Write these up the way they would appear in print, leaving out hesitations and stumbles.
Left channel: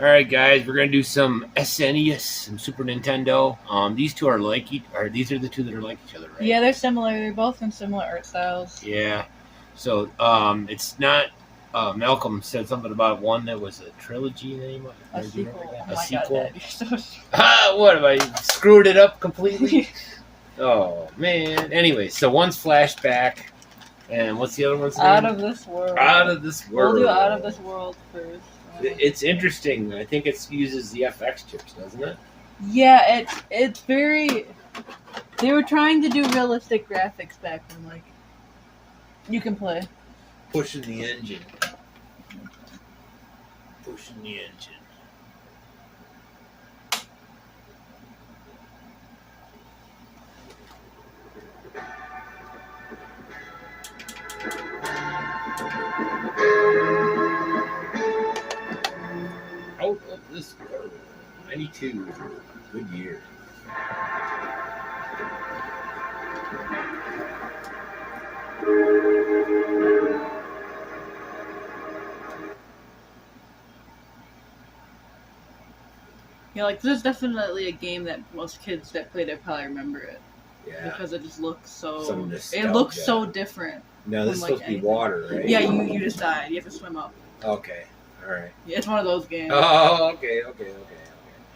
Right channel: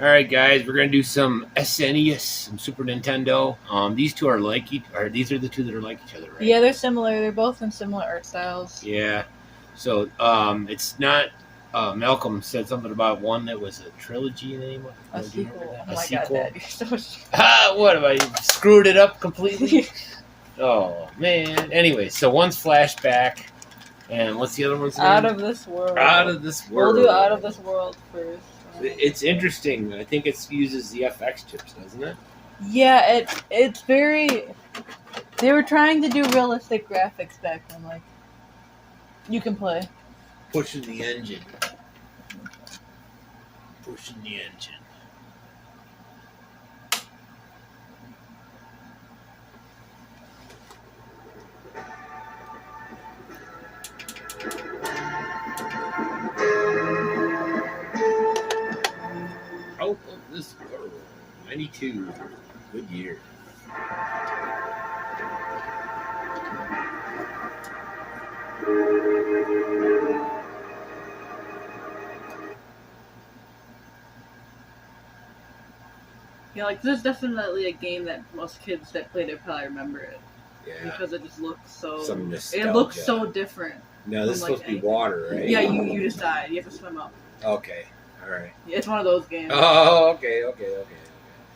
All right, guys, we're gonna do some SNES, some Super Nintendo. These two are like these are the two that are like each other, right? Yeah, they're similar. They're both from similar art styles. Yeah. So it's not. Malcolm said something about one that was a trilogy name. A sequel. A sequel. God, Dad, you're so What have I screwed it up completely? Oh man. Anyway, so one's Flashback, and what's the other one's name? Out of This World. Out of This World. We'll do Out of This World first. It's interesting. I think it uses the FX chips, doesn't it? Yeah, it's very. They were trying to do realistic graphics back then, like you can play. Pushing the engine. Pushing the engine. Oh, this 92. Good year. You know, like this is definitely a game that most kids that played it probably remember it. Yeah. Because it just looks so. Some nostalgia. It looks so different. No, this is supposed to be water, right? Yeah, you just died. You have to swim up. Okay. All right. Yeah, it's one of those games. Oh, okay.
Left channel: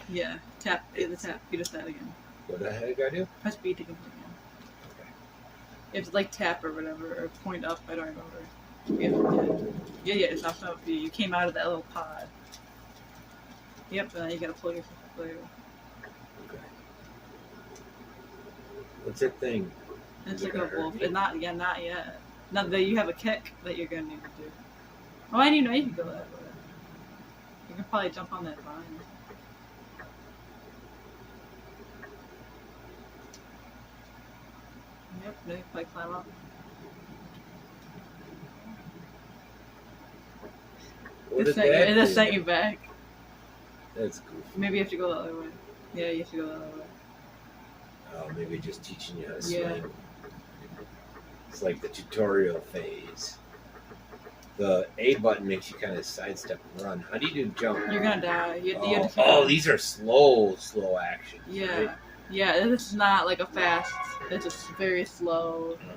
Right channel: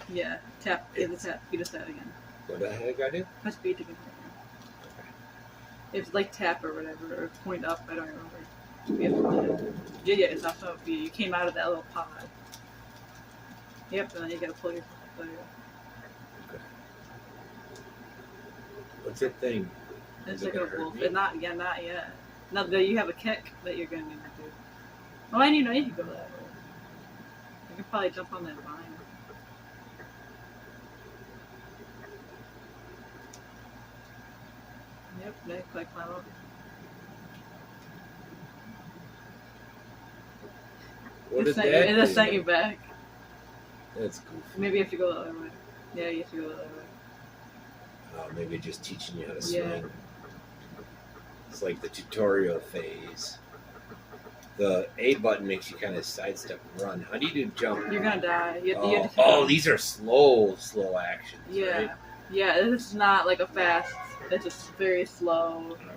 Yeah, tap. You just died again. What the heck I do? Press B to complete again. Okay. It's like tap or whatever, or point up. I don't remember. Yeah. It's not so. You came out of that little pod. Yep. And then you gotta pull yourself up there. Okay. What's that thing? It's like a wolf. Not yet. Now that you have a kick that you're gonna need to do. Oh, I didn't know you could go that way. You can probably jump on that vine. Yep, they can probably climb up. What is that? It just sent you back. That's goofy. Maybe you have to go the other way. Yeah, you have to go the other way. Oh, maybe just teaching you how to swing. It's like the tutorial phase. The A button makes you kind of sidestep and run. How do you do jump? You're gonna die. You have to these are slow actions. Yeah. Right? Yeah, this is not like a fast. It's just very slow. Okay.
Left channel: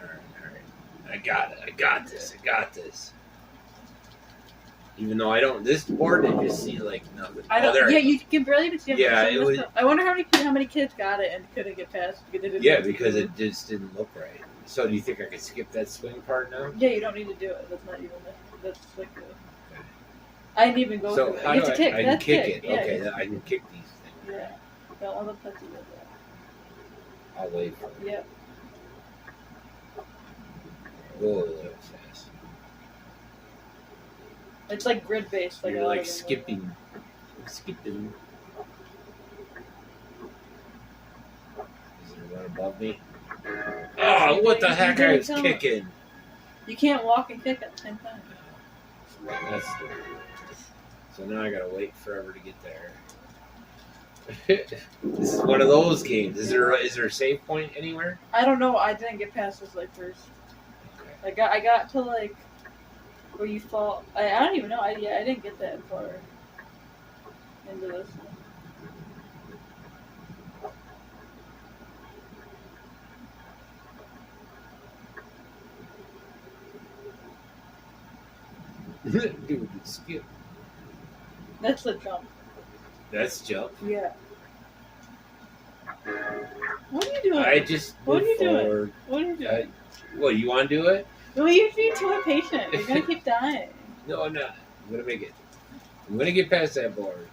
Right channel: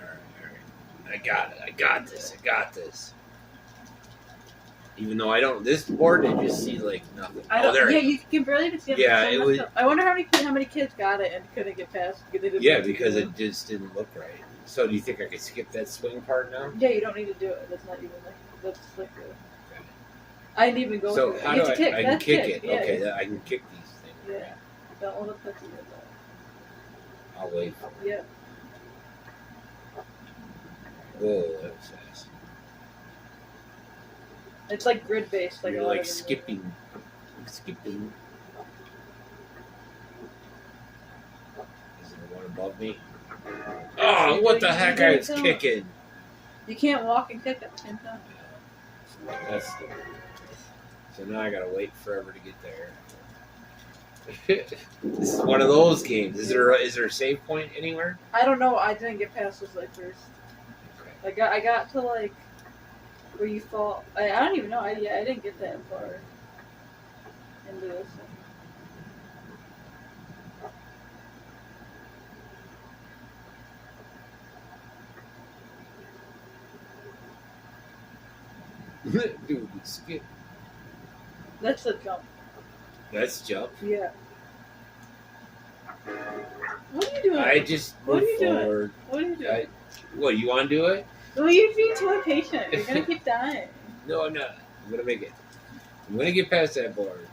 All right. I got it. I got this. Even though I don't, this board I just see like nothing. You can barely just see. Yeah, it was. I wonder how many kids got it and couldn't get past. Because it just didn't look right. So do you think I could skip that swing part now? Yeah, you don't need to do it. That's not even that's like the. I didn't even go. So how do I can kick it? Yeah, okay, I can kick these things. Yeah, the other touches like that. I'll wait for it. Yep. Whoa, that was fast. It's like grid based. Like you're like skipping. Is there one above me? Oh, what the heck! I was kicking. You can't walk and kick at the same time. That's stupid. So now I gotta wait forever to get there. This is one of those games. Is there a save point anywhere? I don't know. I didn't get past this like first. Okay. I got to like where you fall. I don't even know. I didn't get that far into this one. Dude, skip. That's the jump. That's jump? Yeah. What are you doing? I just What are you forward. doing? What are you doing? What, you want to do it? Well, you're being too impatient. You're going to keep dying. No, I'm not. I'm going to make it. I'm going to get past that board.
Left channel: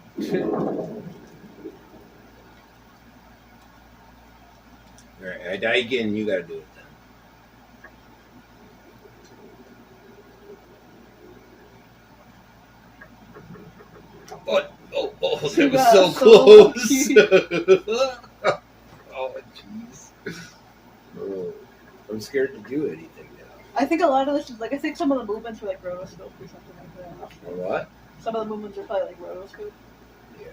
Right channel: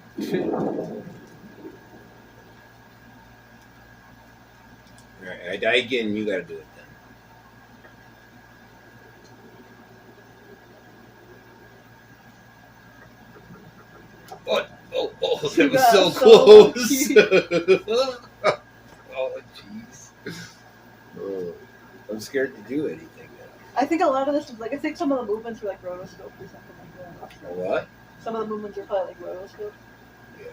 Alright, I die again, you got to do it then. Oh, that was so close. Oh, jeez. Oh, I'm scared to do anything now. I think a lot of this is like, I think some of the movements were like rotoscope or something like that. A what? Some of the movements were probably like rotoscope. Yeah.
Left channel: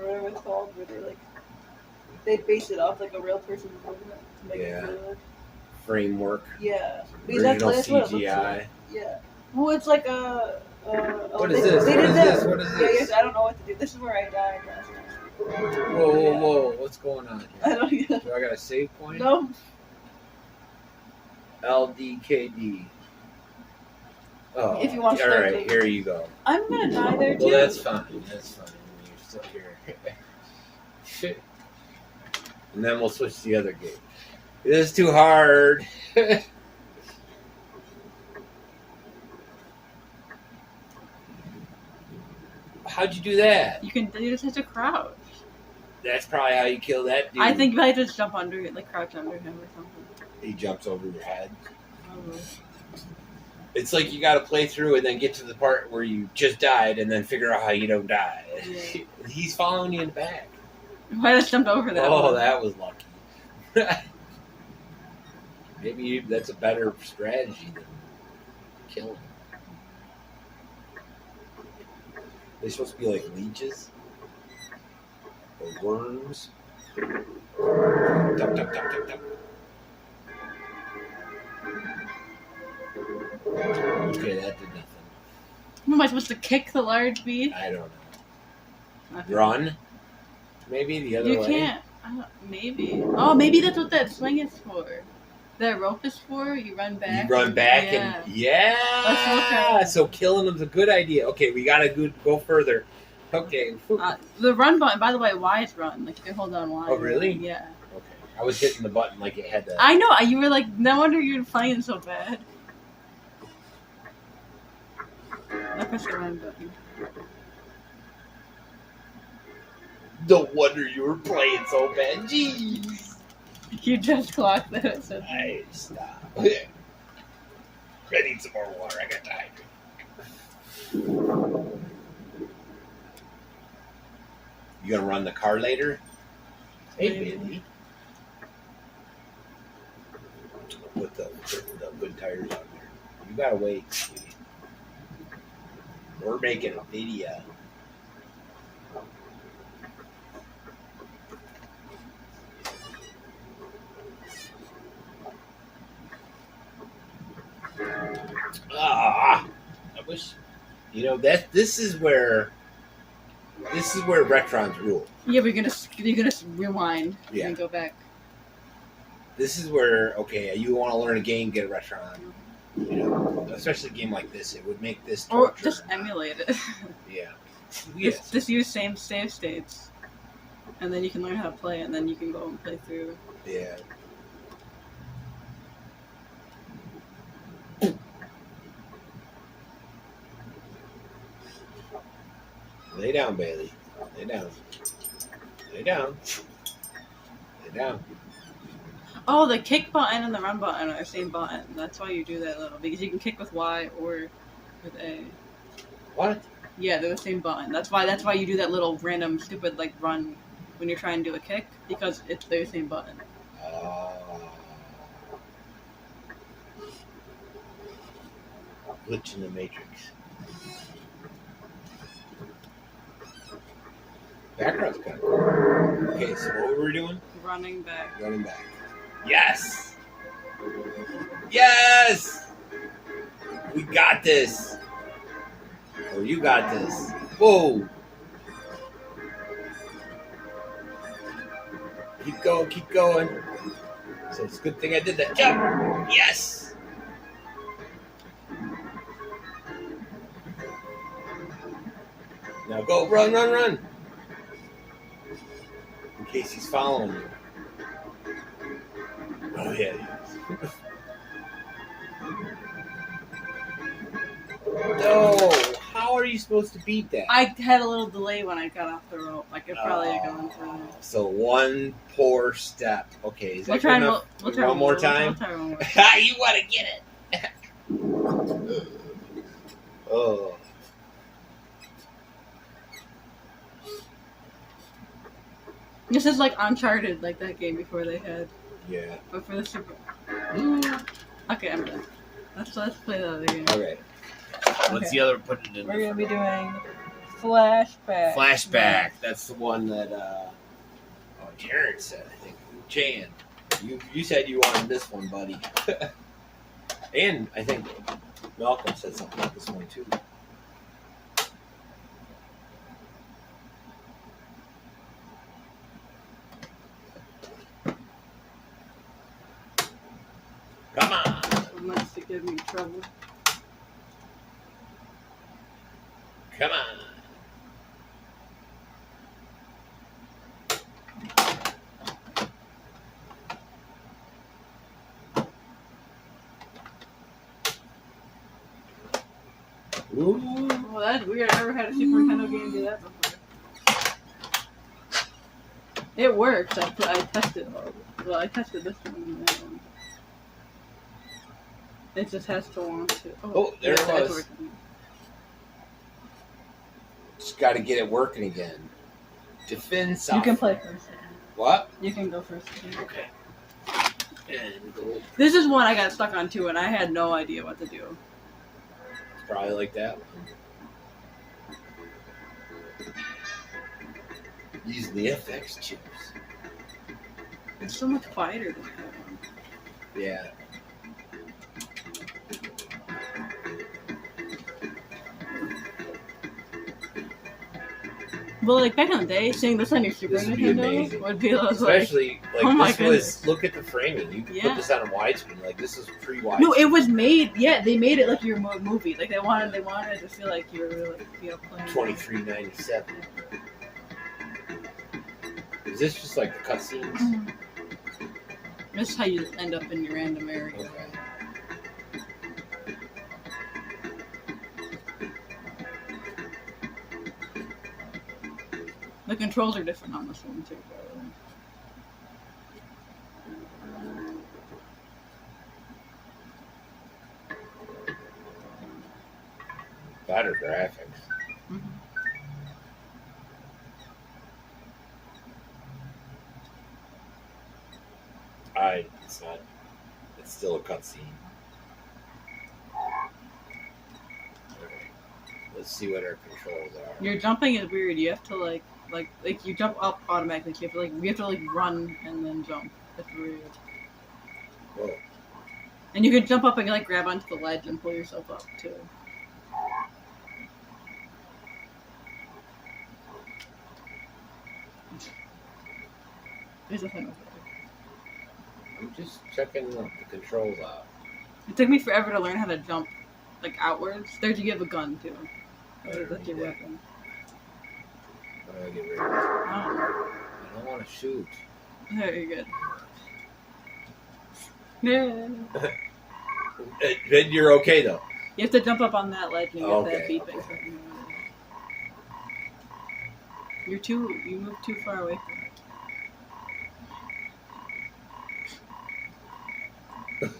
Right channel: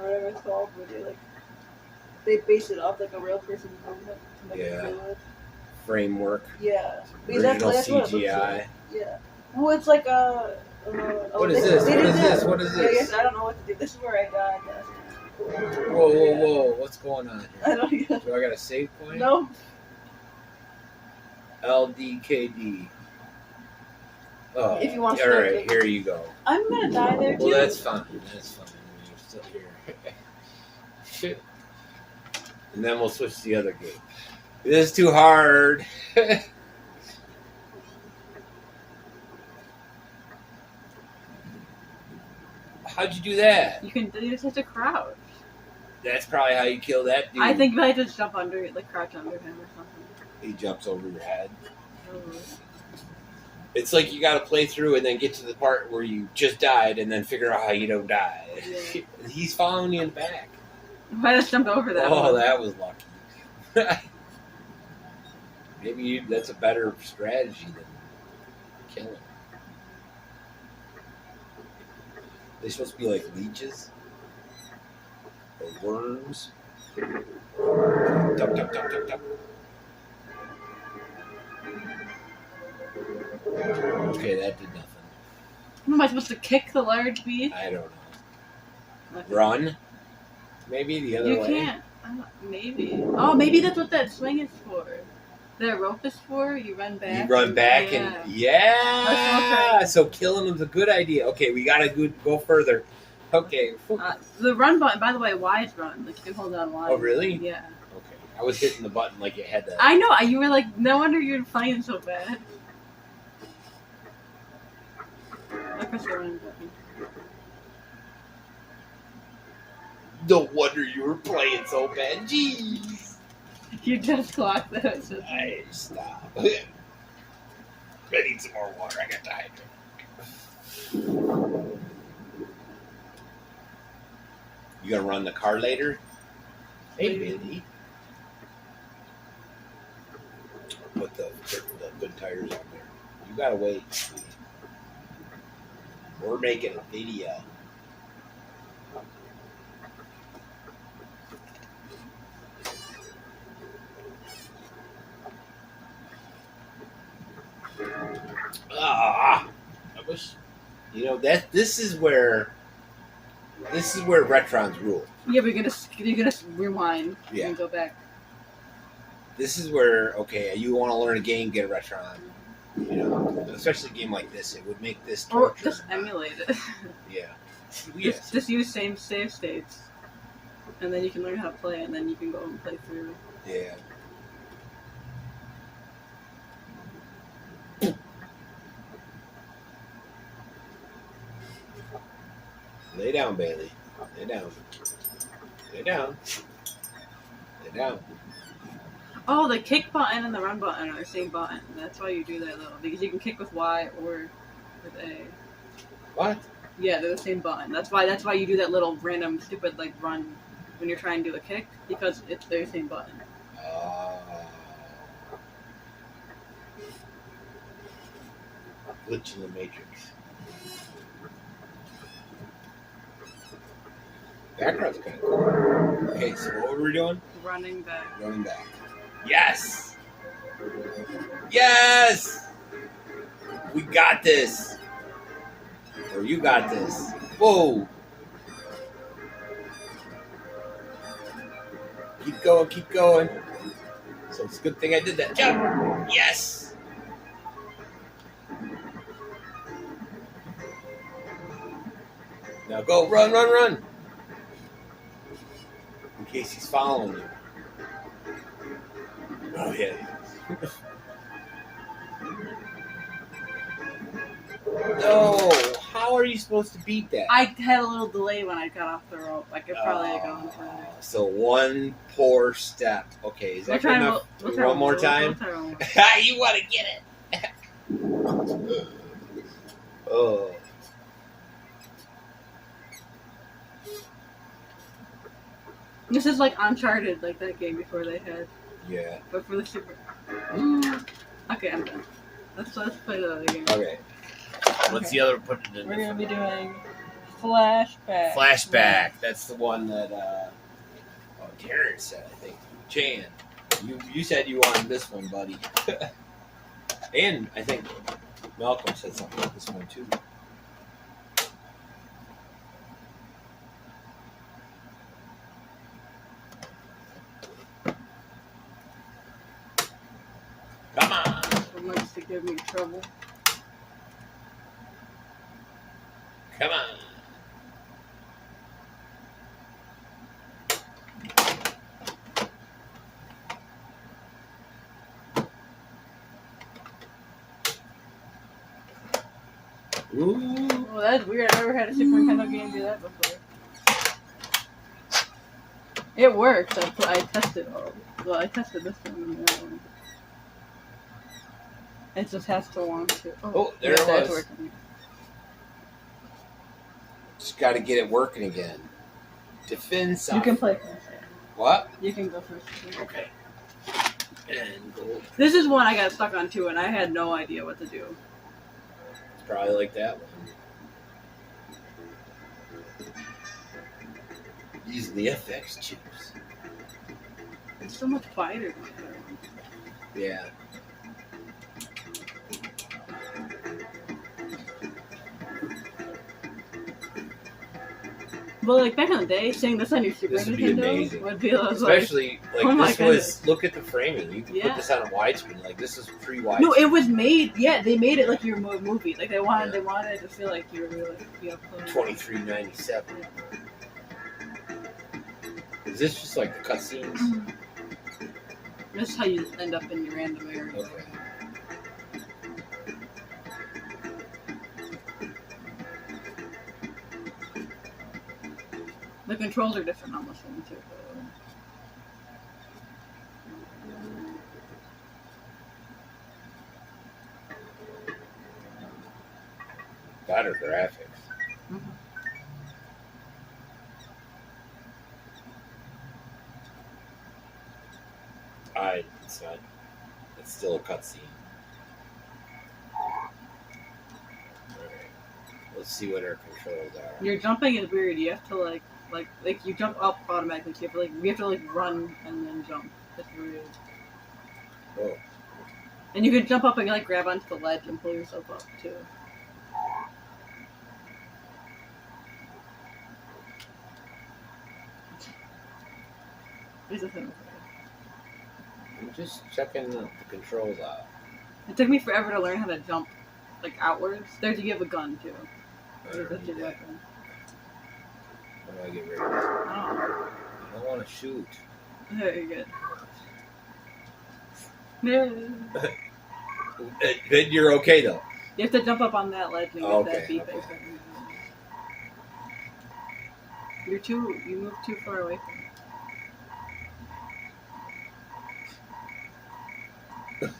Or whatever it's called, where they base it off like a real person's movement to make it real. Framework. Yeah. Original that's CGI. Like. Yeah. Well, it's like a what is this? What is this? What is this? I don't know what to do. This is where I died last night. Whoa. What's going on I here? don't know. Do I got a save point? No. LDKD. Oh, If you want all to right, start here you go. I'm gonna die there too. Well, that's fine. That's fine. You're still here. Shit. And then we'll switch to the other game. This is too hard. How'd you do that? You just have to crouch. That's probably how you kill that dude. I think you might just jump under it, like crouch under him or something. He jumps over your head. Probably. It's like you got to play through and then get to the part where you just died and then figure out how you don't die. Yeah. He's following you in the back. I just jumped over that. Oh, one. that was lucky. Maybe that's a better strategy than killing. They're supposed to be like leeches or worms. Tup, tup, tup, tup, tup. Okay, that did nothing. Am I supposed to kick the large beast? I don't know. Okay. Run? Maybe the other You way? can't. Maybe. Oh, maybe that's what that swing is for. That rope is for. You run back. You run back yeah. and yeah. So killing them's a good idea. Okay, we gotta go further. Okay. The run button, by the way, Y is run. Like you can hold on Y. Oh really? Yeah. Okay. I was hitting the button like it had to. I know. You were like, no wonder you're playing so bad. I pressed the run button. No wonder you were playing so bad. Jeez. You just clocked that. So I stop. I need some more water. I got dehydrated. You gonna run the car later? Hey, Billy. Put the good tires on there. You gotta wait, sweetie. We're making a video. I wish, this is where Retrons rule. yeah, but you're gonna rewind Yeah. and go back. This is where, okay, you want to learn a game, get a Retron. Especially a game like this, it would make this Or torture. just emulate it. Yeah. Just use same save states, and then you can learn how to play, and then you can go and play through. Yeah. Lay down, Bailey. Lay down. Lay down. Lay down. Oh, the kick button and the run button are the same button. That's why you do that little, because you can kick with Y or with A. What? Yeah, they're the same button. That's why you do that little random stupid like run when you're trying to do a kick, because they're the same button. Glitch in the Matrix. Background's kind of cool. Okay, so what were we doing? Running back. Running back. Yes! Yes! We got this. Or you got this. Whoa! Keep going, keep going. So it's a good thing I did that. Jump! Yes! Now go, run, run, run! In case he's following you. Oh, yeah. No! How are you supposed to beat that? I had a little delay when I got off the rope. I could probably have gone through. So one poor step. Okay, is that good enough? One more time? You want to get it. Oh. This is like Uncharted, like that game before they had. Yeah. But for the Super. Okay, I'm done. Let's play the other game. Okay. What's the other? Put it in. We're gonna be doing Flashback. Flashback. That's the one that. Jared said. I think Jan. You said you wanted this one, buddy. And I think Malcolm said something about this one too. Give me trouble. Come on. Ooh. Well, that's weird. I never had a Super Nintendo game do that before. It works. I tested all. Well, I tested this one and that one. It just has to want to. Oh, there it that's was. working. Just got to get it working again. Defend You can play first. What? You can go first. Okay. And gold. This is one I got stuck on too, and I had no idea what to do. It's probably like that one. Using the FX chips. It's so much quieter than that one. Yeah. Well, like back in the day, seeing this on your Super This would be Nintendo amazing. would be like, Especially, like, oh my this goodness. was, look at the framing. You Yeah. put this on a widescreen. Like, this is pre-widescreen. no, it was made. Yeah, they made it like your movie. Like they wanted it to feel like you were really playing. $23.97. Is this just like the cutscenes? This is how you end up in your random area. Okay. The controls are different on this one too. Better graphics. Mm-hmm. It's not. It's still a cutscene. Alright. Let's see what our controls are. Your jumping is weird. You have to like you jump up automatically. You have to run and then jump. That's weird. Whoa. And you can jump up and like grab onto the ledge and pull yourself up too. There's a thing. I'm just checking the controls out. It took me forever to learn how to jump like outwards. There's you have a gun too. That's your weapon. How do I get rid of this? Oh, I don't want to shoot. very good. Yeah. But you're okay though. You have to jump up on that ledge and get that Okay, beeping. okay. You move too far away from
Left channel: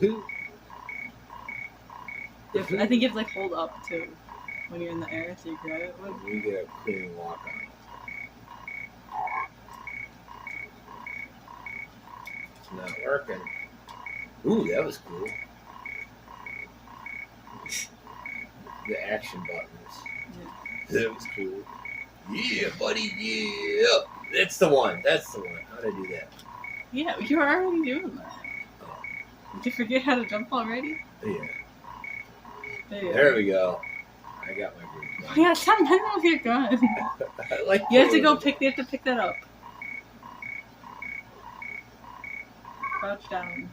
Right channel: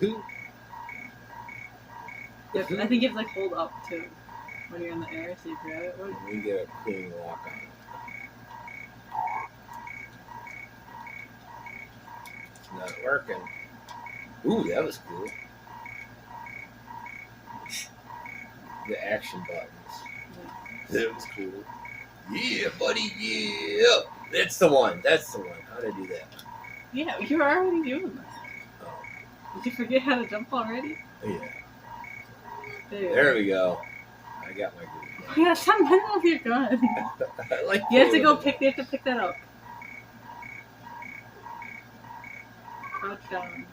it. I think you have to hold up too when you're in the air so you grab it. We get a clean walk on. It's not working. Ooh, that was cool. The action buttons. Yeah. That was cool. Yeah, buddy, yeah. That's the one. That's the one. How'd I do that? Yeah, you were already doing that. Oh, Did you forget how to jump already? yeah. Yeah. There we go. I got my groove. Yeah, stop messing with your gun. I like You have to playing go with pick. You have to pick that up. Crouch down,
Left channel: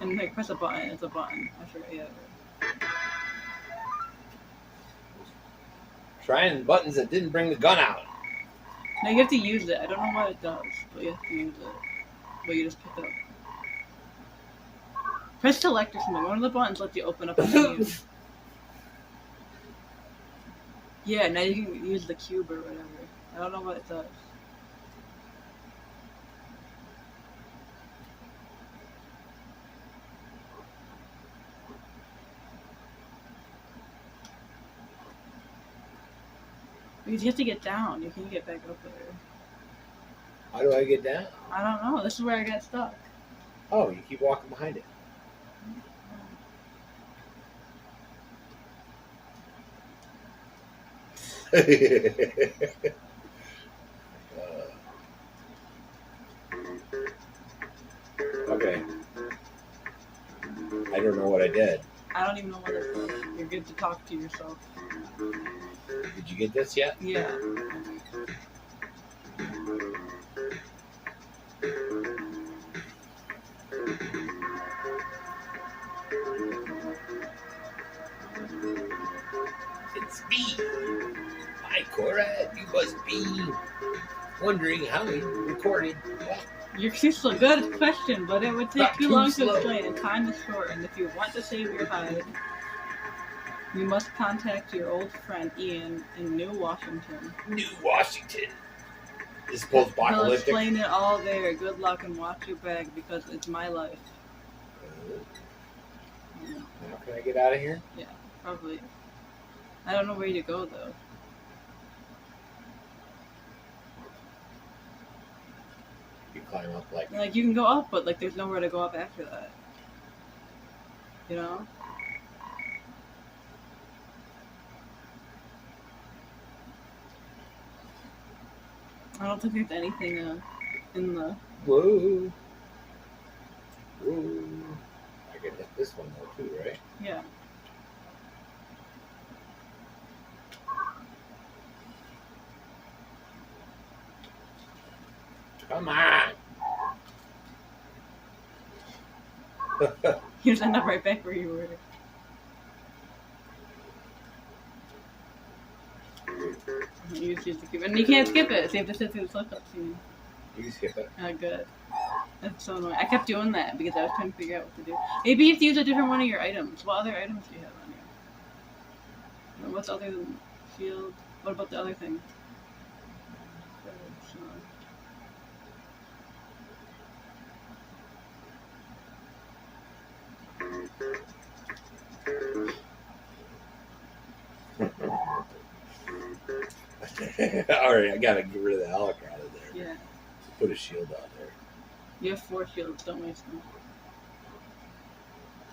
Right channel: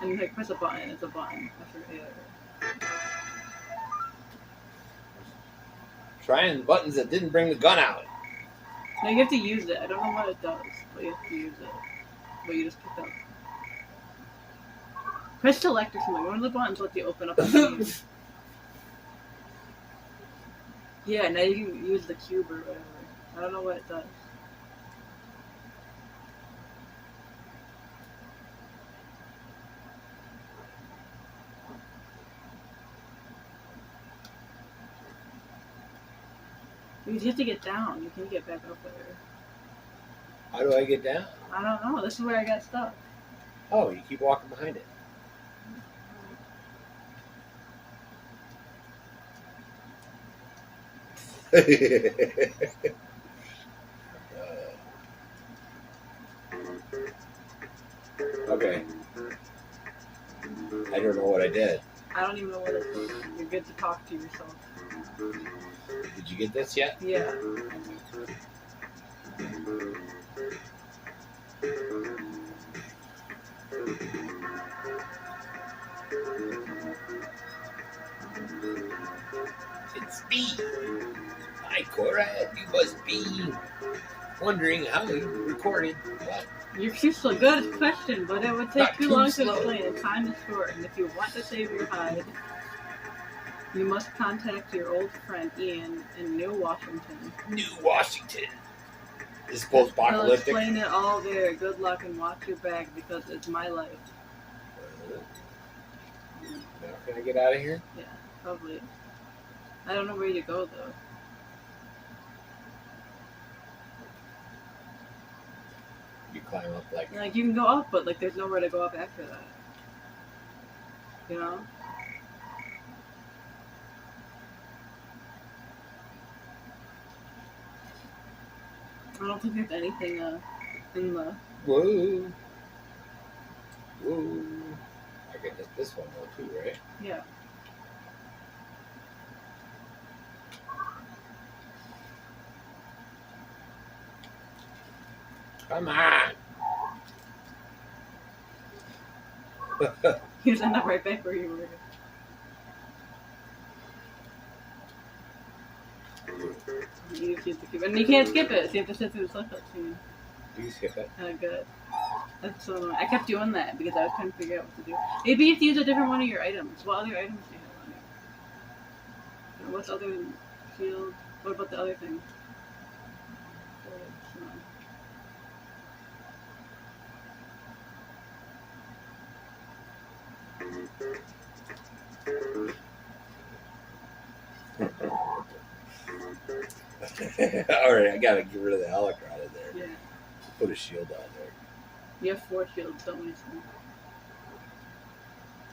and like press a button. It's a button. That's right. Yeah. Trying buttons that didn't bring the gun out. No, you have to use it. I don't know what it does, but you have to use it. But you just pick up. Press select or something. One of the buttons lets you open up the menu. Yeah, now you can use the cube or whatever. I don't know what it does. You have to get down. You can get back up there. How do I get down? I don't know. This is where I got stuck. Oh, you keep walking behind it. Okay. I don't know what I did. I don't even know what it does. You're good to talk to yourself. Did you get this yet? Yeah. Hi, Cora. You must be wondering how you recorded what? You're too slow. Good question, but it would take Not too too long to slow. explain, and time is short. And if you want to save your hide, you must contact your old friend Ian in New Washington. New Washington. Is He'll post-apocalyptic. explain it all there. Good luck and watch your bag because it's my life. Now can I get out of here? Yeah, probably. I don't know where to go though. You climb up like. Like you can go up, but like there's nowhere to go up after that. You know? I don't think there's anything in the. Whoa. Whoa. I can hit this one though too, right? Yeah. Come on. You just end up right back where you were. You just use the cube. And you can't skip it, so you have to sit through the flip up scene. You skip it. Oh, good. That's so annoying. I kept doing that because I was trying to figure out what to do. Maybe you have to use a different one of your items. What other items do you have on here? What's other shield? What about the other thing? Alright, I gotta get rid of the helicopter out of there. Yeah. Put a shield out there. You have 4 shields, don't waste them.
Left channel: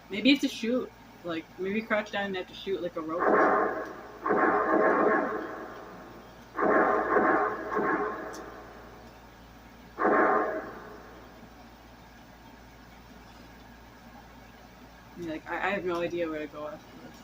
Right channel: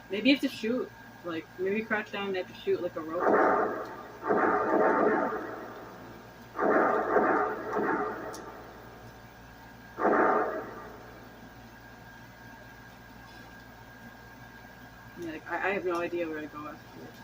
Maybe you have to shoot. Like, maybe crouch down and have to shoot like a rope. Yeah, like, I have no idea where to go after this.